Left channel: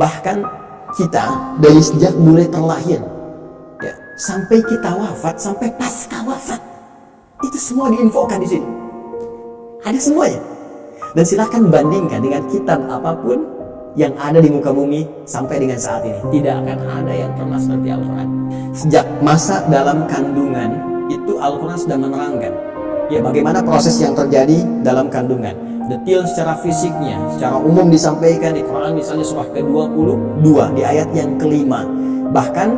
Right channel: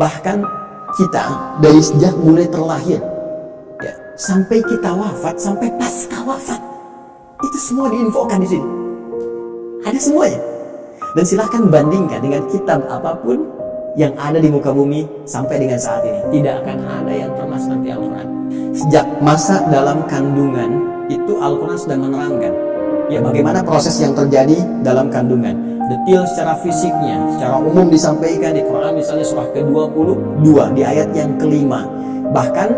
Bahkan kita dari sejak mulai terlahir, ya, sampai kita wafat, sampai pasca wafat, itu semua diinfokan di sini. Ada semuanya. Dan silakan bandingkan dengan kitab apapun yang ada di muka bumi sampai dengan saat ini. Tidak akan ada yang pernah seperti Al-Quran. Sejak masa dalam kandungan, itu Al-Quran sudah menerangkan ya bagaimana proses yang terjadi dalam kandungan. Detail secara fisiknya, secara umum disampaikan di Quran, misalnya surah ke-22 di ayat yang kelima. Bahkan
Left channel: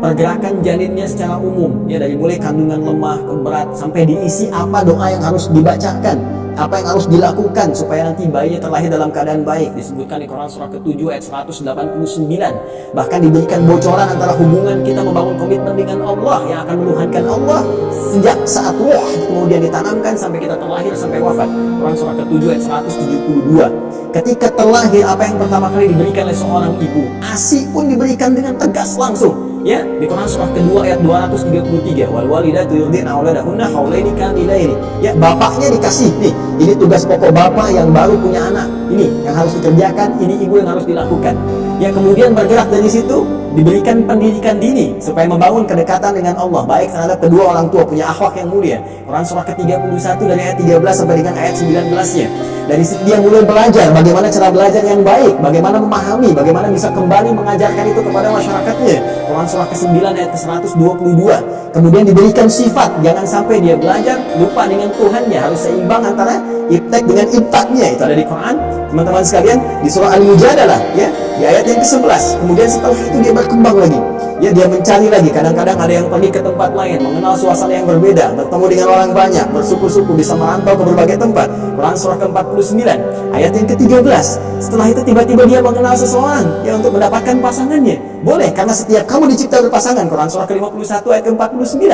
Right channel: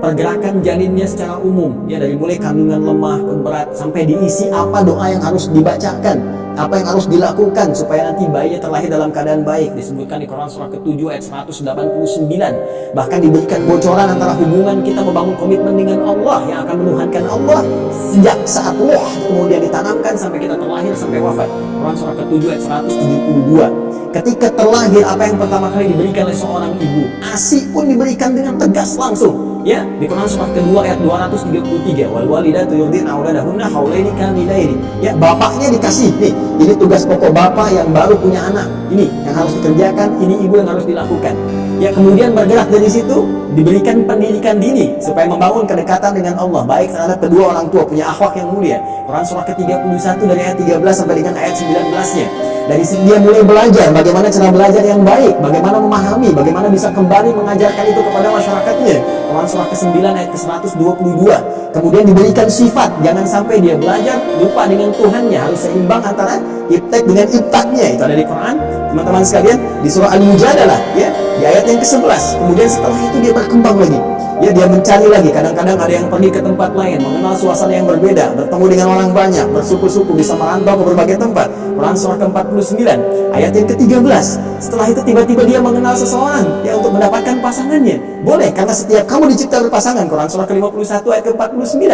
pergerakan janinnya secara umum, ya dari mulai kandungan lemah ke berat sampai diisi apa doa yang harus dibacakan, apa yang harus dilakukan supaya nanti bayinya terlahir dalam keadaan baik, disebutkan di Quran surah ke-7 ayat 189. Bahkan diberikan bocoran antara hubungan kita membangun komitmen dengan Allah yang akan menuhankan Allah sejak saat ruh kemudian ditanamkan sampai kita terlahir sampai wafat. Quran surah ke-7 ayat 172. Ketika terlahir, apa yang pertama kali diberikan oleh seorang ibu? ASI pun diberikan dengan tegas langsung. Ya, di Quran surah kedua ayat 233, wal walidatu yurdina auladahunna haulaini kamilaini. Ya, bapaknya dikasih nih, ini tugas pokok bapak yang baru punya anak. Ini yang harus dikerjakan, ini ibu yang harus dilakukan. Ya, kemudian bergerak dari situ, diberikan pendidikan dini supaya membangun kedekatan dengan Allah, baik terhadap kedua orang tua, punya akhlak yang mulia. Quran surah ke-31 dari ayat 13 sampai dengan ayat 19-nya. Dari situ dia mulai belajar bagaimana cara belajar yang baik, bagaimana memahami, bagaimana bisa kembali mengajarkan itu kepada masyarakatnya. Quran surah ke-9 ayat ke-122. Kemudian diberikan sifat, jangan sampai dia belajar lupa dengan Tuhannya, harus seimbang antara ibtek dengan ibtaknya. Itu ada di Quran, teman-teman sekalian, di surah Al-Mujadalah, ya, di ayat yang ke-11. Kemudian setelah itu dia berkembang lagi. Ya, dia mencari lagi, kadang-kadang ada yang pergi ke tempat lain, mengenal suasana yang berbeda, bertemu dengan orang banyak, bersuku-suku, bisa merantau ke berbagai tempat. Quran surah ke-49 ayat yang ke-13. Setelah itu tiba-tiba dia mengenal seseorang ya untuk mendapatkan pasangannya. Boleh, karena setiap kamu dicipta berpasangan. Quran surah ke-51 ayat ke-49.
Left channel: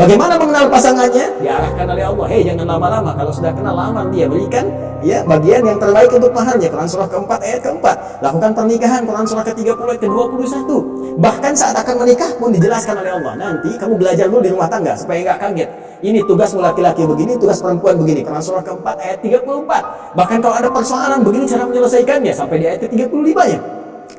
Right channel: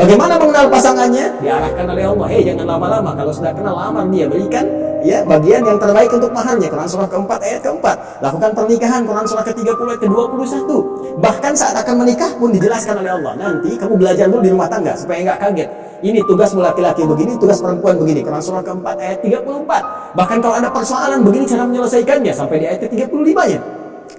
Bagaimana mengenal pasangannya? Diarahkan oleh Allah. Hei, jangan lama-lama, kalau sudah kenal lamar dia, berikan ya bagian yang terbaik untuk maharnya. Quran surah ke-4 ayat ke-4. Lakukan pernikahan. Quran surah ke-30 ayat ke-21. Bahkan saat akan menikah pun dijelaskan oleh Allah, nanti kamu belajar dulu di rumah tangga supaya nggak kaget. Ini tugasmu laki-laki begini, tugas perempuan begini. Quran surah ke-4 ayat 34. Bahkan kalau ada persoalan begini cara menyelesaikannya, sampai di ayat ke-35-nya.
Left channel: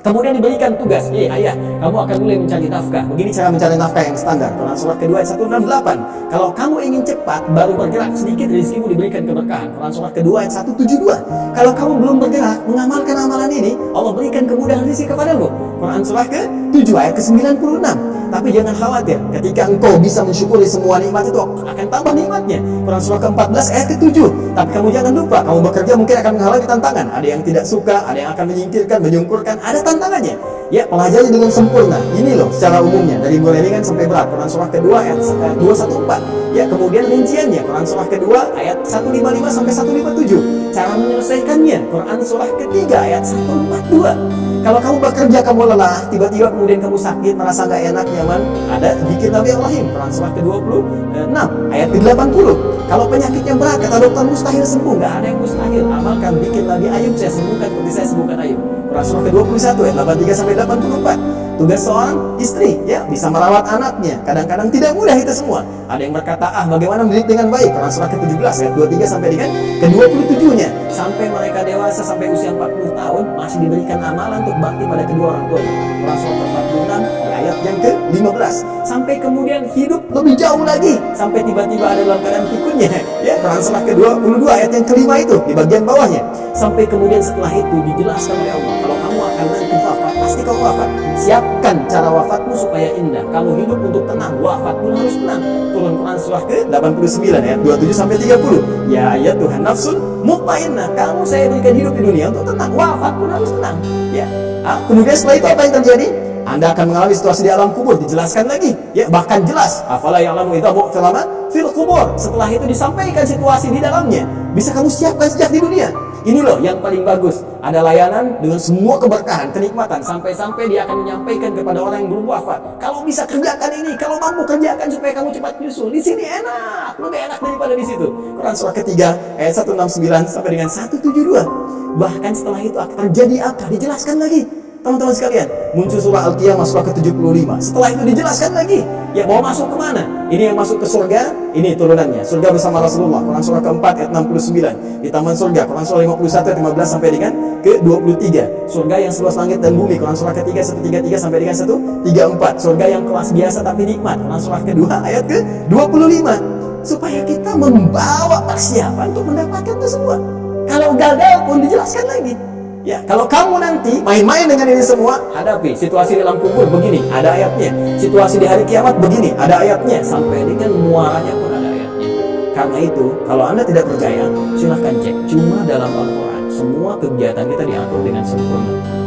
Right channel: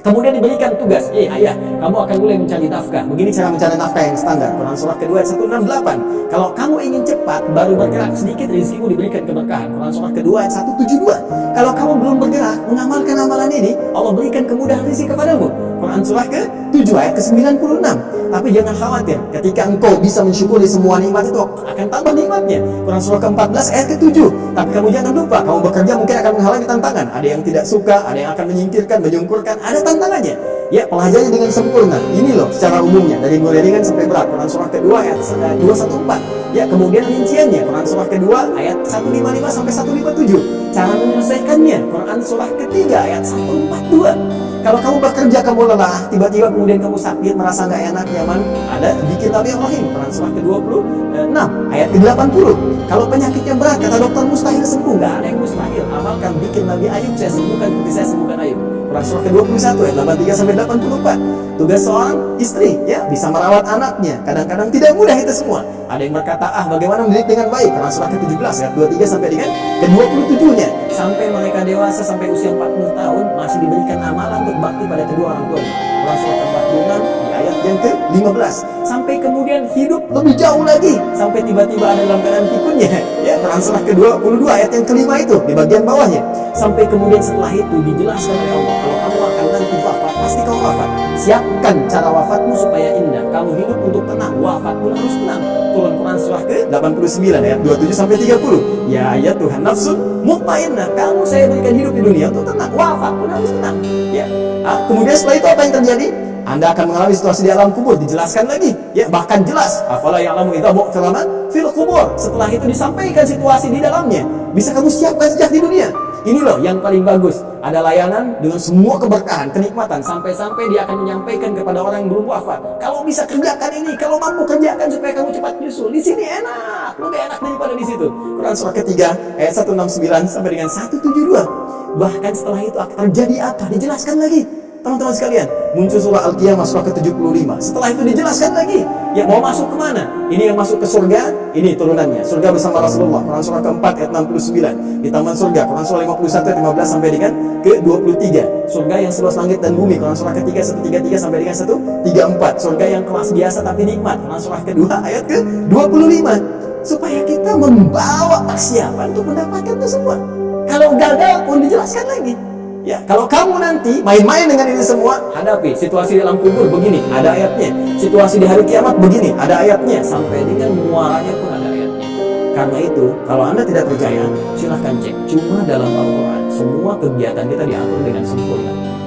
Kemudian diberikan tugas, ayah, kamu akan mulai mencari nafkah. Begini cara mencari nafkah yang standar. Quran surah kedua ayat 168. Kalau kamu ingin cepat, baru bergerak sedikit, rezekimu diberikan keberkahan. Quran surah kedua ayat 172. Kalau kamu belum bergerak, mengamalkan amalan ini, Allah berikan kemudahan rezeki kepadamu. Quran surah ke-7 ayat ke-96. Tapi jangan khawatir, ketika engkau bisa mensyukuri semua nikmat itu akan tambah nikmatnya. Quran surah ke-14 ayat ke-7. Tapi kamu jangan lupa, kamu bekerja mungkin akan menghalangi tantangan. Ada yang tidak suka, ada yang akan menyingkirkan, menyungkurkan, ada tantangannya. Ya, pelajari dengan sempurna. Ini loh secara umumnya, dari mulai ringan sampai berat. Quran surah kedua ayat 214. Ya, kemudian rinciannya, Quran surah kedua ayat 155 sampai 157. Cara menyelesaikannya, Quran surah ketiga ayat 142. Kalau kamu bekerja, kamu lelah, tiba-tiba kemudian kamu sakit, merasa nggak enak, nyaman, ada zikir Nabi Ibrahim, Quran surah ke-26 ayat ke-80. Kalau penyakitnya berat, kata dokter mustahil sembuh, nggak ada yang mustahil. Amalkan zikir Nabi Ayub, saya sembuhkan seperti saya sembuhkan Ayub. Quran surah ke-21 ayat 83 sampai 84. Tugas seorang istri, ya, bisa merawat anaknya. Kadang-kadang tidak mudah itu semua. Ada yang berkata, bagaimana mendidik dengan baik? Quran surah ke-17 ayat 23 sampai dengan ke-27-nya. Sampai mereka dewasa, sampai usia 40 tahun, masih diberikan amalan untuk bakti pada kedua orang tuanya. Quran surah ke-46 di ayat yang ke-15. Sampai kemudian hidup lebih jauh lagi, sampai tiba-tiba ada dalam keadaan pikunnya. Ya, Quran surah ke-22 ayat yang kelima itu di bagian bawahnya. Sampai kemudian setelah itu dijelaskan oleh Allah, kalau kamu akan nanti wafat, pasti kamu wafat. Siapkan cara wafatmu supaya indah. Kamu hidup untuk tenang, wafat pun harus tenang. Turun Quran surah ke-89 ayat 27 sampai 30. Ya Tuhan nafsul mutmainnah, kamu saya berikan hidup di dunia untuk tenang, wafat pun harus tenang. Ya. Kemudian setelah itu apa yang terjadi? Anda akan mengalami situasi di alam kubur, dijelaskan lagi. Ya, bahkan jelas, afala ya'lamu idza bu'thira fil qubur. Setelah itu disampaikan situasi di dalamnya. Bisa kamu siapkan sejak di dunia. Ini loh yang paling bagus. Ada layanan dengan semua keberkahan, kenikmatan, sampai-sampai dia akan menyampaikan kepada orang yang belum wafat. Kalau bisa kerjakan ini, kalau mampu kerjakan supaya kamu cepat nyusul. Di sini enak, lebih enak daripada di situ. Quran surah ketiga ayat 169 sampai dengan 172. Bahkan setelah itu akan terjadi apa? Dijelaskan lagi. teman-teman sekalian, muncul surah Al-Qiyamah surah ke-75. Setelah itu dijelaskan lagi, ya mau masuk kemana? Ini yang masuk ke surga, ini turunannya. Surga bersama Rasulullah, Quran surah ke-4 ayat 69. Di taman surga, Quran surah 51 ayat 15 sampai dengan ke-23. Surga yang seluas langit dan bumi, Quran surah ke-3 133 sampai dengan 134. Surga yang kelas biasa tapi nikmat, Quran surah ke-2 ayat ke-25. Supaya kita membawa persiapan untuk mendapatkan itu semua. Kalau gagal pun dijelaskan lagi. Ya, kalau kamu nanti main-main dengan ini semua, hadapi situasi di dalam kubur begini, ada ayatnya. Situasi di hari kiamat begini, ada ayatnya. Sampai dengan muaranya pun ada ayatnya. Karena itu, kalau Anda tidak percaya, silahkan cek. Cuma dalam Al-Quran, semua kegiatan kita diatur dengan sempurna.